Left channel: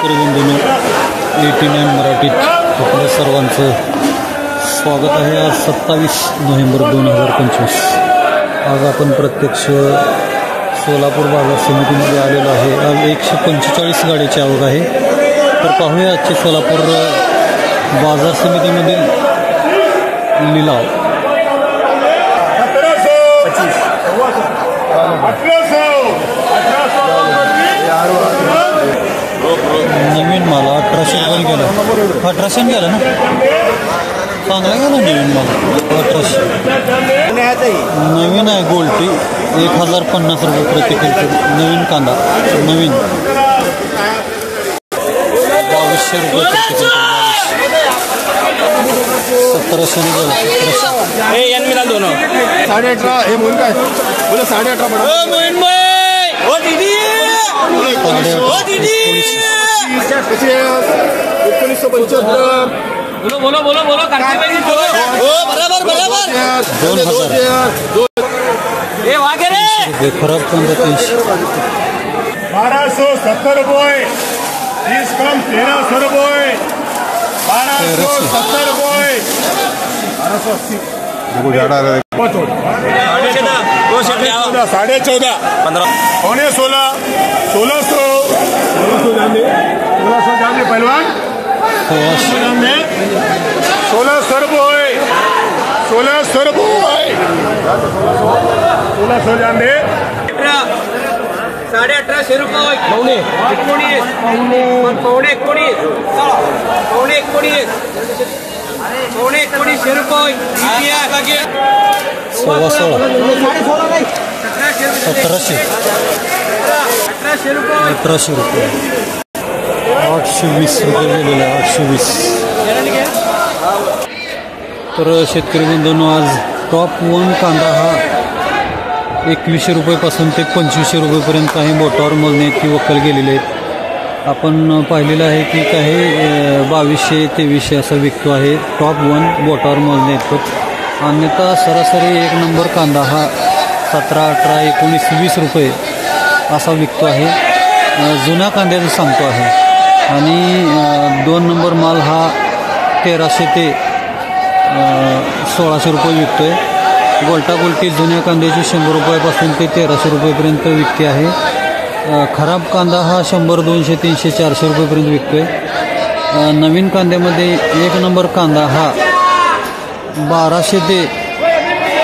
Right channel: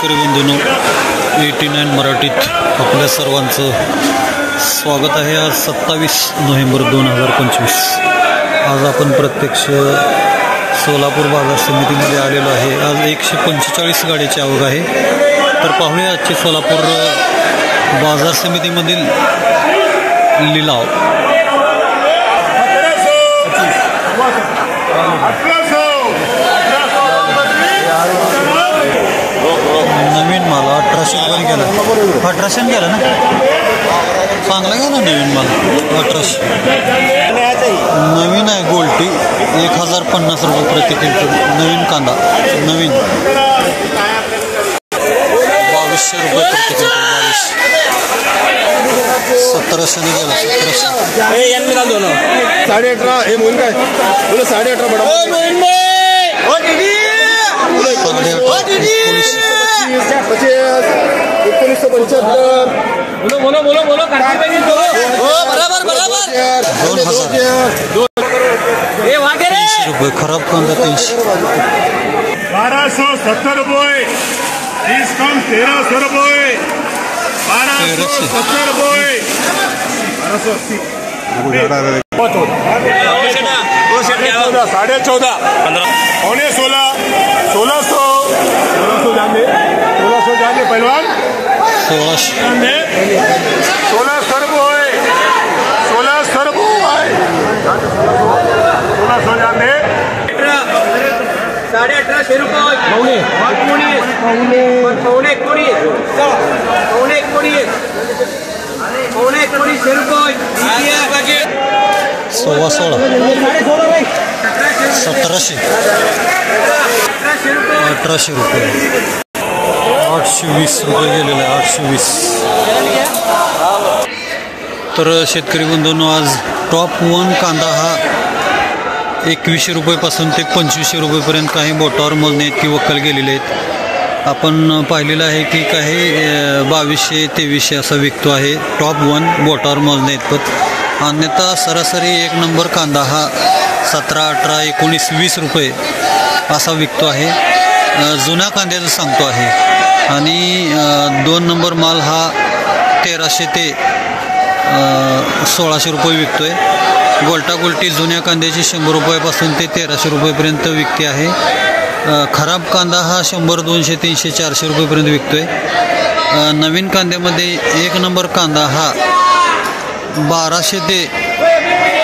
शेतकरी बंधूंनो 89 मराठीत आपल्या सर्वांचं स्वागत आहे। आज 27 नोव्हेंबर 2025। आज आपण प्रत्यक्ष सोलापूर बाजार समितीमध्ये आलेलो आहे। आज 145 गाड्याची आवक आहे। तर पाहूया आजचे सोलापूर बाजार समितीमधील लिलाव। नवीन माल 1800 रुपये गेला। 1800 गेला ना, चांगला गेला नवीन माल 1800। नवीन आहे गोल्टी 1050 रुपये प्रति क्विंटल। नवीन कांदा नवीन 2200 रुपये प्रति क्विंटल। 1700 ने गेला। 1700 रुपये खराब कांदा 300। 1270 रुपये 30 कम 1300 रुपये 1270 रुपये 14.5 15 पौने 16 1600 जाने पहलवान 1600 रुपये 1600 रुपये 1600 जाने 1850 रुपये पौने 19 रुपये 16 1700 1800 रुपये 820 रुपये गेलेले आहे। 820। तर शेतकरी बंधूंनो आज टॉप 1 कांदा हा 2100 रुपयापासून ते 2500 रुपयेपर्यंत काही बोटावर मोजण्यात वक्कल गेलेले आहेत। आपण पाहिलेलं आहे की काही 2200 2300 असा विकतो आहे टॉप 1 बोटावर मोजण्याइतपत। अन्यथा सरासरी 1 नंबर कांदा हा 17 18 19 20 रुपये असा विकतो आहे। जुन्या कांद्याचं सांगतो आहे। आणि 2 नंबर माल हा 1300 ते 1600 रुपये विकतोय। गोल्टा गोल्टी जुन्या कांद्याची 100 रुपयापासून ते 1300 रुपयेपर्यंत विकते आहे। खराब कांदा हा 100 200 300 400 रुपयेपर्यंत विकतोय। नवीन कांद्यामध्ये 1 नंबर कांदा हा 1200 ते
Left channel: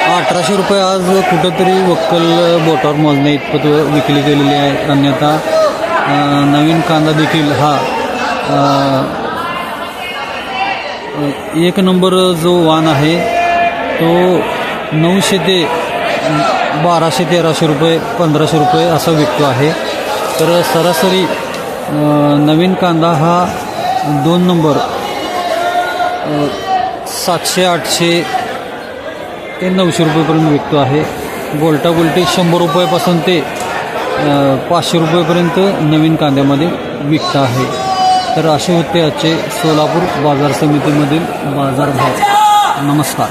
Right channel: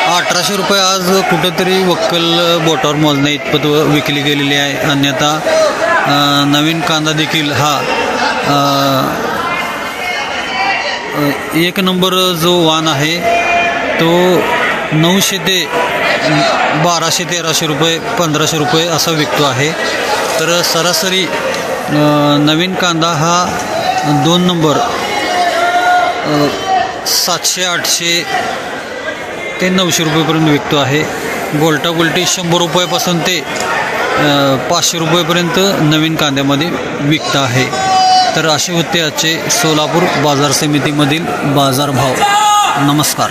1800 रुपये आज कुठंतरी वक्कल बोटावर मोजण्या इतपत विकली गेलेली आहे। अन्यथा नवीन कांदा देखील हा 1 नंबर जो वाण आहे तो 900 ते 1200 1300 रुपये 1500 रुपये असा विकतो आहे। तर सरासरी नवीन कांदा हा 2 नंबर 700 800 ते 900 रुपयेपर्यंत विकतो आहे। गोल्टा गोल्टी 100 रुपयापासून ते 500 रुपयेपर्यंत नवीन कांद्यामध्ये विकत आहे। तर असे होते आजचे सोलापूर बाजार समितीमधील बाजारभाव। नमस्कार।